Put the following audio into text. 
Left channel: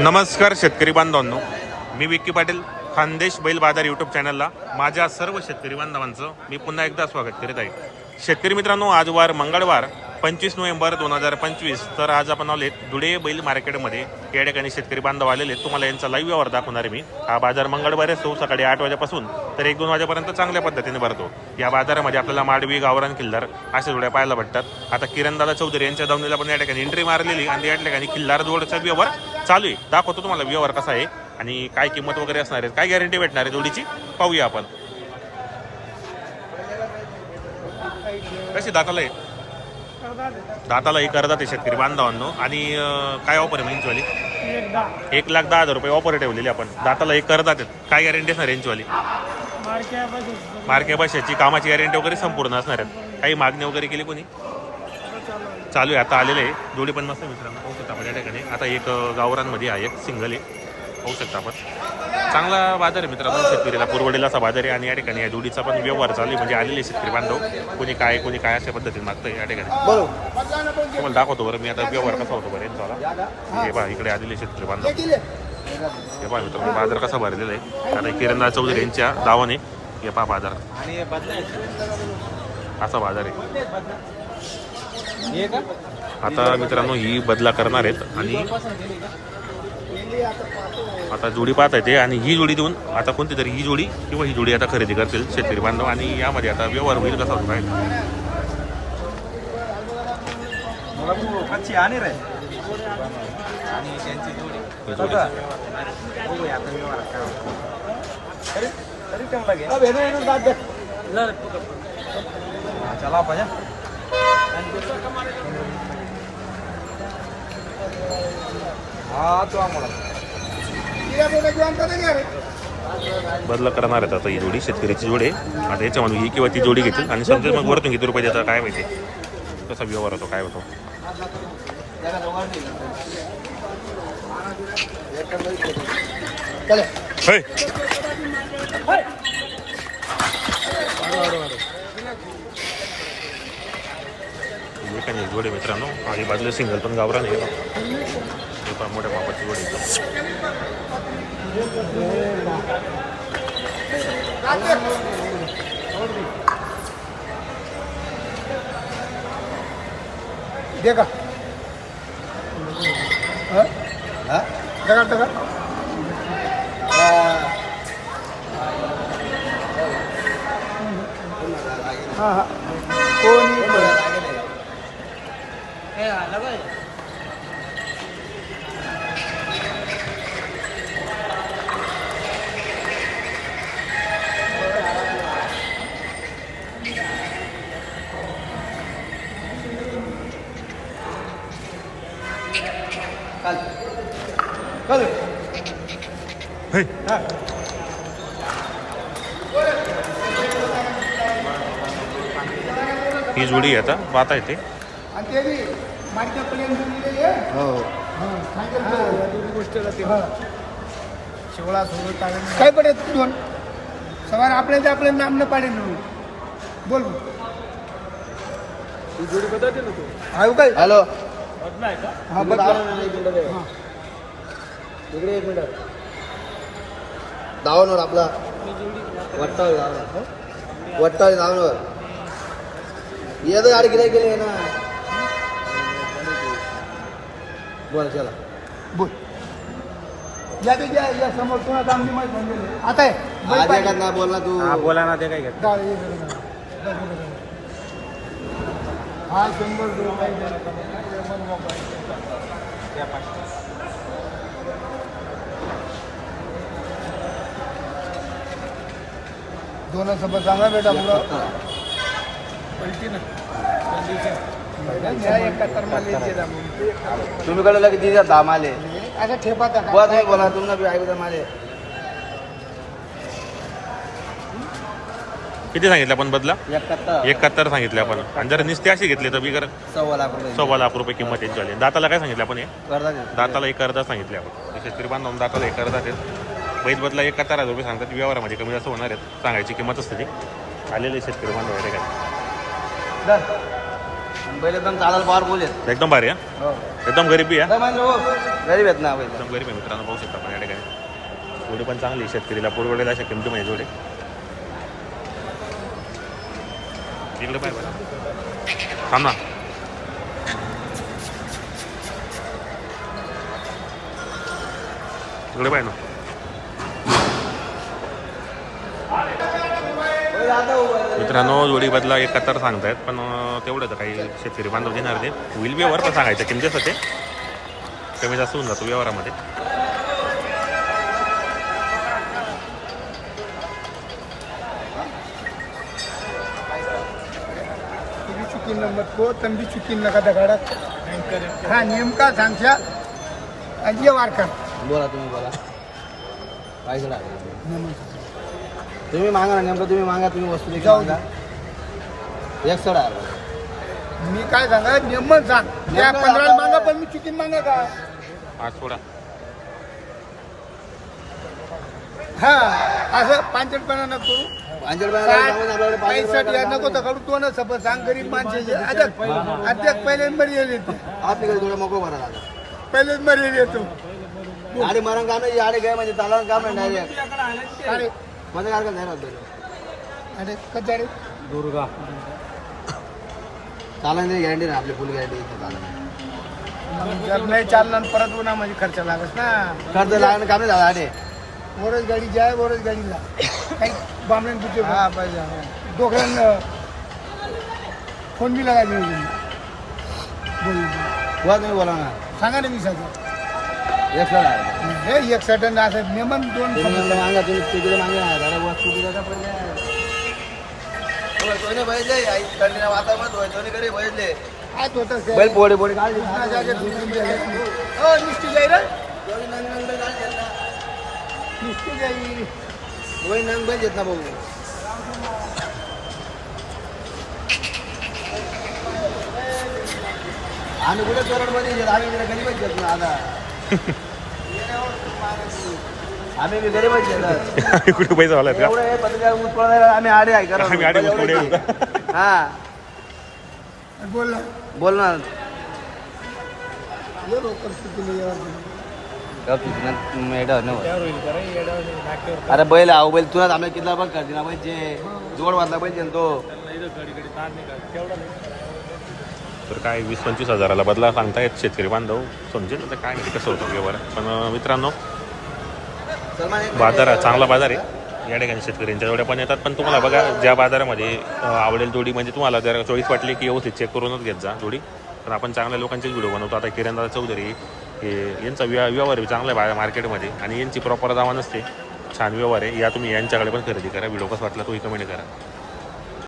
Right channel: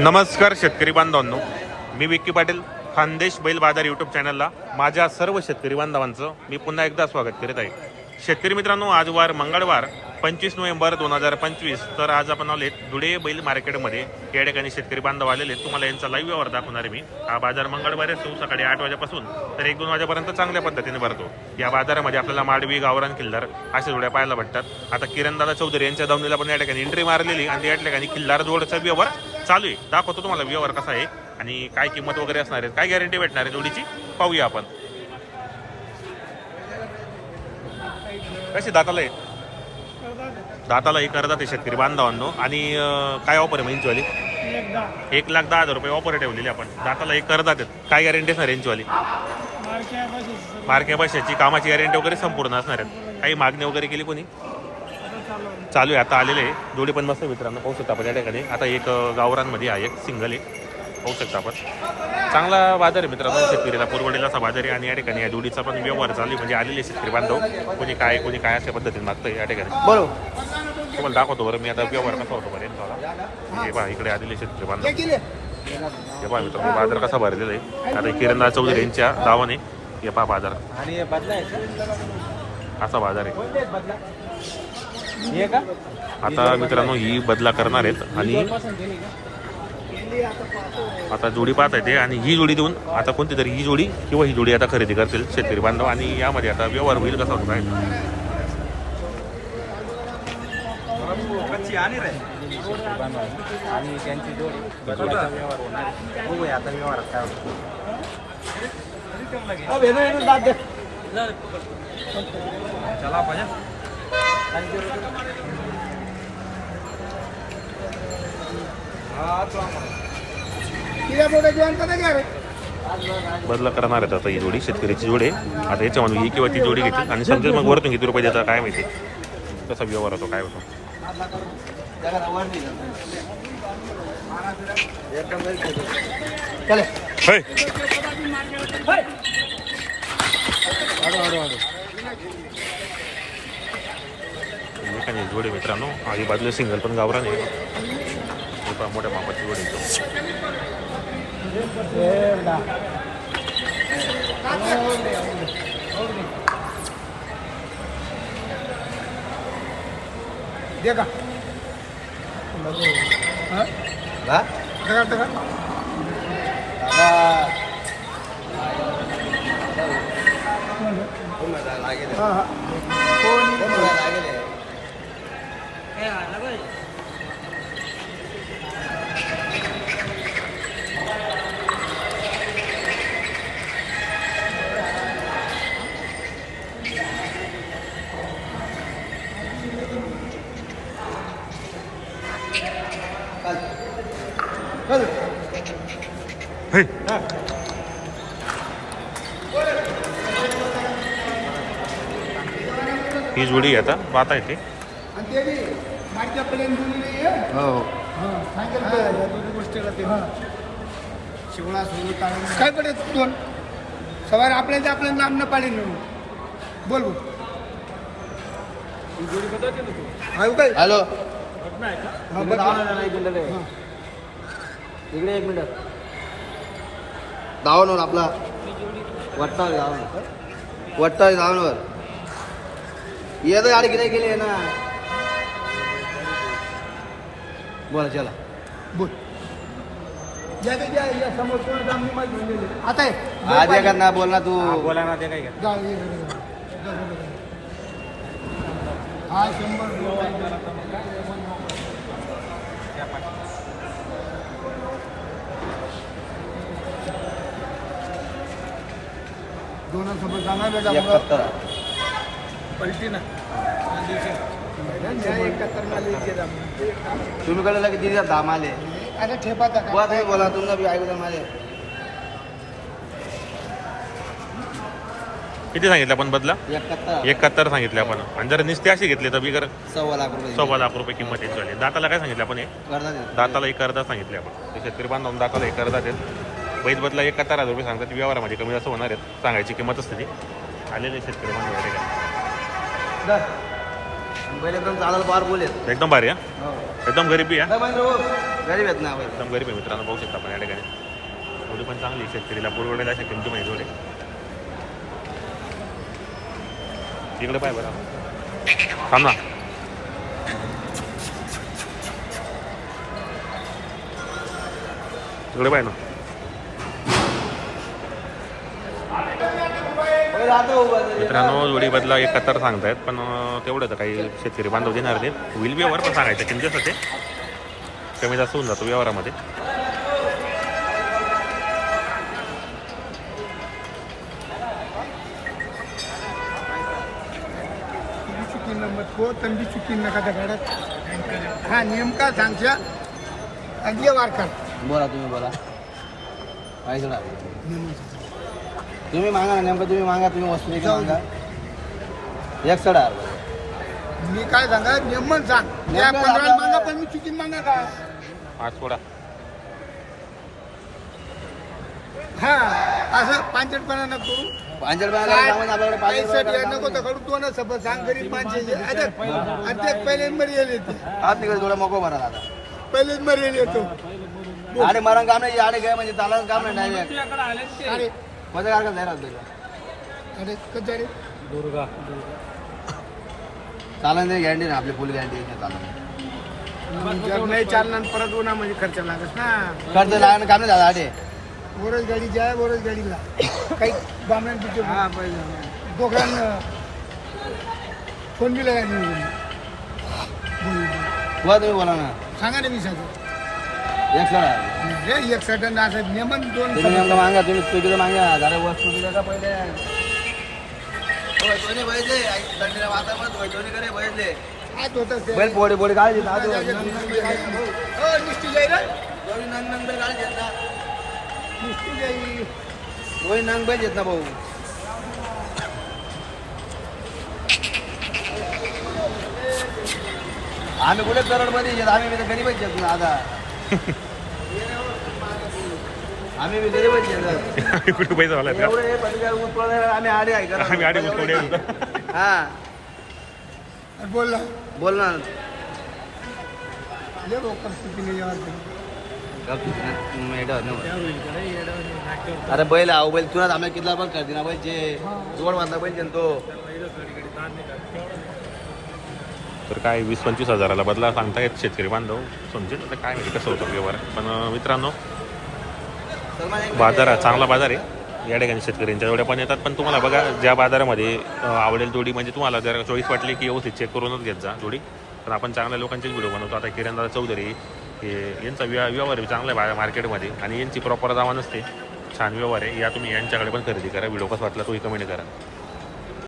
नमस्कार शेतकरी बांधवांनो. मी विक्की पाटील खानदेश बैल बाजार यूट्यूब चॅनलला माझ्या सर्व शेतकरी बांधवांचं मी पुन्हा एकदा स्वागत करीत आहे. शेतकरी मित्रांनो आज वार मंगळवार पंचवीस नोव्हेंबर दोन हजार पंचवीस. तर आज आपण आलेत धुळे बैल मार्केटमध्ये. या ठिकाणी शेतकरी बांधव आलेले आहेत. तुम्हाला यांचा लाईव्ह व्यवहार दाखवणार आहे मी. हा बाजार मंगळवार असतो सकाळी आठ वाजेपासून. तर एक दोन वाजेपर्यंत चांगल्या पद्धतीने भरतो. या बाजारामध्ये आपल्याला माडवी गावरान किल्लार अशा जोड्या पाहायला भेटतात. आता किरणदादा चौधरी यांच्या दावणीला पण या ठिकाणी एंट्री मारलेली आणि या ठिकाणी किल्लार जोडचा व्यवहार चालू आहे. दाखवतो तुम्हाला व्यवहार कसा आहे आणि काय किंमत वगैरे असणार आहे. काय गॅरंटी भेटणार आहे जोडीची? पाहूया आपण. कशी दाताला आहे? दाताला ही करतात आहे शेतकरी बांधवांनो. आणि काय ऑफर आहे इंचवाली एक लाख दहा हजार रुपये ऑफर ठेवलेली आपण. दाताला एक करतात आहेत काय गॅरंटी असणार यांचीवाली मार्के भाषेची कामाची गॅरंटी वगैरे संपूर्ण असणार आहेत. काही मागणी वगैरे केली कोणी? चालू आहे. आता आलेले आहे. जोडी पण मस्त मित्रांनो. पाहू शकता आपण या ठिकाणी. आता एक गावरांमध्ये आहे. एक सिंगल आहे. पाहू शकता आपण. चांगला बाजार आहे मित्रांनो शेतकरीला. पुरवडेला असा बाजार आहे आणि या ठिकाणी या जोडीचा पण व्यवहार चालू आहे. म्हणजे आलेले शेतकरी बांधव. कोणी काय कोणी काय अशा पद्धतीने मागतोय या ठिकाणी. तुम्हाला दाखवतो बरं. मी आता व्यवहार कसा होतो बरं यांचा हे पहा इकडे आलेले शेतकरी बांधव. हे पहा मित्रांनो बाजार कसा भरलेला आहे. आता किरणदास चौधरी यांच्या दावाने हे पहा बाजार. असा बाजार आहे. आता मित्रांनो ही बदला करणार आहेत आणि आता जोडी पाहत आहे ते आणि ही जोडी देऊन आता कोणती तरी ही जोडी किंवा ही जोडी आता खरेदी करतील शेतकरी बांधव आणि यामध्ये आता व्यवहार होईल कसा होतो काय? जोडी बदला करणार आहेत आता ही जोडी शेतकऱ्याची जोडी आहे. आता याच्यामध्ये ही किंवा ती जोडी घेतील. आणि समजेल मग वरतून किती रुपये देतात काय माहिती? कसा व्यवहार होतो काय होतो. हे काय नाही, जोडी मित्रांनो. आणि बाजूला सिंगल पण गावरा नाही हे पहा मोठ्या मापाची जोडी एकदम चल ही जोडी आहे आता पाहता येते हां? हां. शिवळा काय दोन सवार आपल्या ते आपलं नाम न म्हणून. बोल काय हॅलो. इकडे एक मिनिट. धावांवर आपला. वट्टावर धावांवर वट्टावर धावांवर येतं गाडी किती गेली ना. बोला चला. बोल. आहे ना बोल ना तू. बोला ना ते काय डाळ. हा शंभर दोन सोबत चांगला भेटा पलटी ना. तुम्ही कडे लगे दिली दाम आले अरे ठेपा टाका. बुवा तुम्ही बोला. तुम्हाला बी ऐकू माझे किती सांगितलं आपण बदला? एकाहत्तर. एकाहत्तर सांगितले आपण. आणि जर निस्ते अशी घेतली तर बिगर सव्वा लाख रुपये. सव्वा लाख रुपये किंमत यांची आली दाताला काय सांगितलं आपण हे. दाताला एक अर्धा सांगितले आपण. ते शेतकरी बांधवून दाताला एक अर्धा आहेत बैल बदला एकाहत्तर हजार रुपये सांगतात. व्यवहारामध्ये कमी जास्त होणार आहेत. सांगायची किंमत असते ती. आलेले शेतकरी बांधव एकदम चालायला पावरफुल आहेत एकदम भारी आहे हो। एकदम गरिबी आहे गरीब आहेत ना बैल एकदम गरीब आहे मित्रांनो पाहू शकता आपण या ठिकाणी. जोडी पण चांगली आहे. शेतकरीला. पुरवडेल अशा किमतीमध्ये जोडी. इकडे पाय बरं थांब ना. इकडे पाय ना. मित्रांनो जोडी बदला एकाहत्तर सांगतायत पण तेवढं तर काही शेतकरी बांधव देणार ते होईल व्यवहार पण सांगायचं किमतीसाठी कमी जास्त होऊन जातो व्यवहारामध्ये. तो चुकी नका हा नेमका सांगशा. अजिय वारकर. बोला तुम्ही बोला. काय सोडा तुम्ही मागा ना नेमकं तुम्ही मागा तुम्ही वस्तू देखील जाऊ मागा एक सोडा. मी काय सांगा नेमन सांग. त्या नेमकं पंधरा मागा पण मी चुकी मागा का? आज थोडा हा असं पांचटपणा नको. करू. सांगून आपल्याकडे नको तर करू तो ना सपोज सांग गरीब पहिलेच येते थोडं मोको भरा दादा पहिलेच मरी येतो अरे मरण काम नाही आडे काय म्हणजे चालन काम नाही डायरेक्ट अरे माझं काय नाही राहत अरे कचारे चालन गॅरंटी नाही आपली फुल गॅरंटी चालन जर नाही चालणार परत उन्हा म्हणजे खर्च लागत ना. खर्च लागणं काम नाही दादा आडे वरच गाडी जाय वरच गाडीला. काही बामण पाहिजे. दोघांना फोन दिला गाडी बोल. बोला तुम्ही बोला ना. सांगा ना विसाचं एक हे एक सेकंड असं नेमन दोन नेमकं मागा तुम्ही तिकीट मागा दादा वस्तू का पहिले. बैठले. बैठले. हात होतं ते. बैल पोडे पोडे काय हो, निष्ठी जाई रे. निष्ठी जाई. बैल येत ना भाऊ. आम्ही कुठे करोडपती आहेत आम्ही गरीबच आहेत ना आता. आम्ही कुठे पैसा झाला का? हे आम्ही आडे? आम्ही आडे. हा बोल ना. बोल ना. अरे बैल आहो बैल तुला आम्ही कितला बघ करते ना बैल जे जोड बांधला पाहिजे तो. तर काय वीस पंचवीस हजाराला बदला सांगतायत शेतकरी बांधव. समजेल आता काय माहिती कसं होतं व्यवहार. पण मित्रांनो बाजार चांगला बाजार आहे. या ठिकाणी शेतकऱ्यांच्या जोड्या पण येतात. पण तुम्हाला बघा ज्या बाजारामध्ये आवडेल जोडी म्हणजे तुम्हाला जर चॉईस वाटली की व्यवस्थित चेक करूनच घेत जा जोडी. पण आपण चांगल्या लोकांचेच व्हिडिओ बनवतो. आता किरणदा चौधरी हे यांचा व्य व्यवहार चांगला आहे बा- मार्केटमध्ये आणि यांची प्रॉपर दावा नसते. छान व्यवहार आहे. या तुम्ही यांच्याकडे पण खरेदी करा. व्हिडिओ कसा वाटला तोही कमेंट करा.